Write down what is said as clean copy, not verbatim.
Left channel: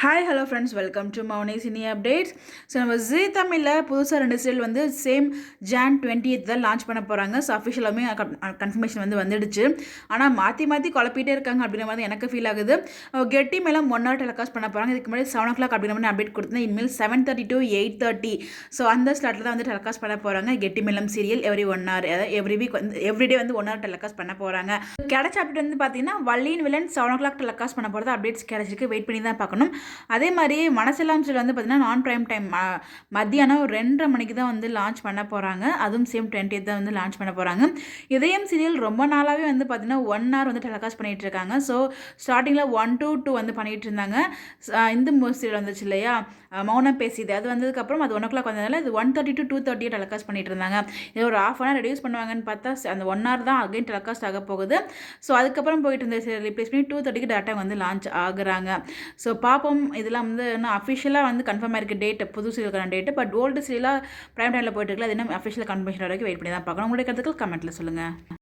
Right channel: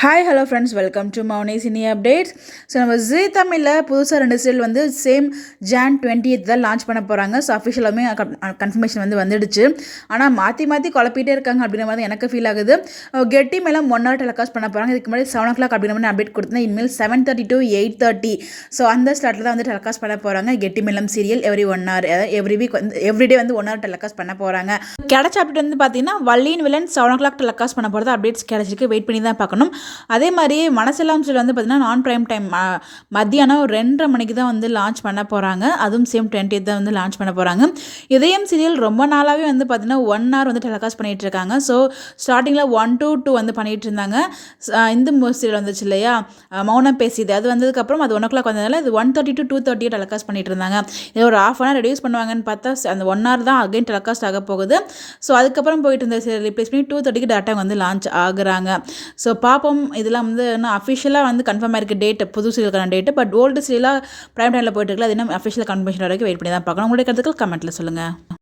Hi hello friends, welcome to Mouni cine updates. So நம்ம Zee தமிழில் புதுசாக 2 சீரியல் வந்து சேம் Jan 20th தான் லான்ச் பண்ண போகிறாங்க. ஸோ அஃபிஷியலாகவே கன்ஃபர்மேஷன் வந்து வந்துடுச்சு. ஆனால் மாற்றி மாற்றி குழப்பிட்டே இருக்காங்க அப்படின்ற மாதிரி எனக்கு ஃபீல் ஆகுது. கெட்டி மேலே 1 hour டெலிகாஸ்ட் பண்ண போகிறாங்க. இதுக்கு முன்னாடி 7 o'clock அப்படின்ற மாதிரி அப்டேட் கொடுத்தேன். இனிமேல் 7:30 to 8:30 ஸோ அந்த ஸ்லாட்டில் தான் வந்து டெலிகாஸ்ட் பண்ண போகிறாங்க. கெட்டி மேலம் serial every 1 hour, every week வந்து எவ்ரிடே வந்து 1 hour டெலிகாஸ்ட் பண்ண போகிறாங்க. கிடைச்ச அப்டேட் வந்து பார்த்தீங்கன்னா வள்ளியின் வில்லன் 7 o'clock டெலிகாஸ்ட் பண்ண போகிறது அப்டேட்ஸ் கிடைச்சிருக்கு. வெயிட் பண்ணி தான் பார்க்கணும். அதே மாதிரி மனசெல்லாம் சீரியல் வந்து பார்த்தீங்கன்னா நான் ப்ரைம் டைம் மத்தியானம் 2:30 மணிக்கு தான் வந்து லான்ச் பண்ண போகிறாங்க. அதுவும் சேம் 20th தான் வந்து லான்ச் பண்ண போகிறாங்க. இதயம் சீரியல் ரொம்ப நாளாகவே வந்து பார்த்தீங்கன்னா 1 hour வந்து டெலிகாஸ்ட் பண்ணிகிட்டு இருக்காங்க. ஸோ ஸ்டார்டிங்கில் 1 to 2 வந்து பண்ணிகிட்டு இருந்தாங்க. இந்த சீரியல் வந்துச்சு இல்லையா, மௌனம் பேசியது, அது வந்ததுக்கப்புறம் அது 1 o'clock வந்ததுனால இது 1:30 to 2:30 டெலிகாஸ்ட் பண்ணிட்டு இருந்தாங்க. இது ஒரு ½ hour ரெடியூஸ் பண்ணுவாங்கன்னு பார்த்தா அந்த 1 hour தான் அகைன் டெலிகாஸ்ட் ஆக போகுது. ஸோ அதுக்கப்புறம் போயிட்டு இருந்த சீரியல் ரிப்ளேஸ் பண்ணி 2:30க்கு டேரெக்டாக வந்து லான்ச் ஆகுறாங்க. ஸோ பார்ப்போம். இதெல்லாம் வந்து இன்னும் அஃபிஷியலாக வந்து கன்ஃபார்ம் ஆயிருக்கு டேட், புது சீரியலுக்கான டேட்டு. பட் ஓல்டு சீரியலாக ப்ரைம் டைமில் போயிட்டு இருக்குல்ல, அது இன்னும் அஃபிஷியல் கன்ஃபர்மேஷன் வரைக்கும் வெயிட் பண்ணி தான் பார்க்கணும். உங்களுடைய கருத்துக்கள் கமெண்ட்டில் சொல்லுங்கள்.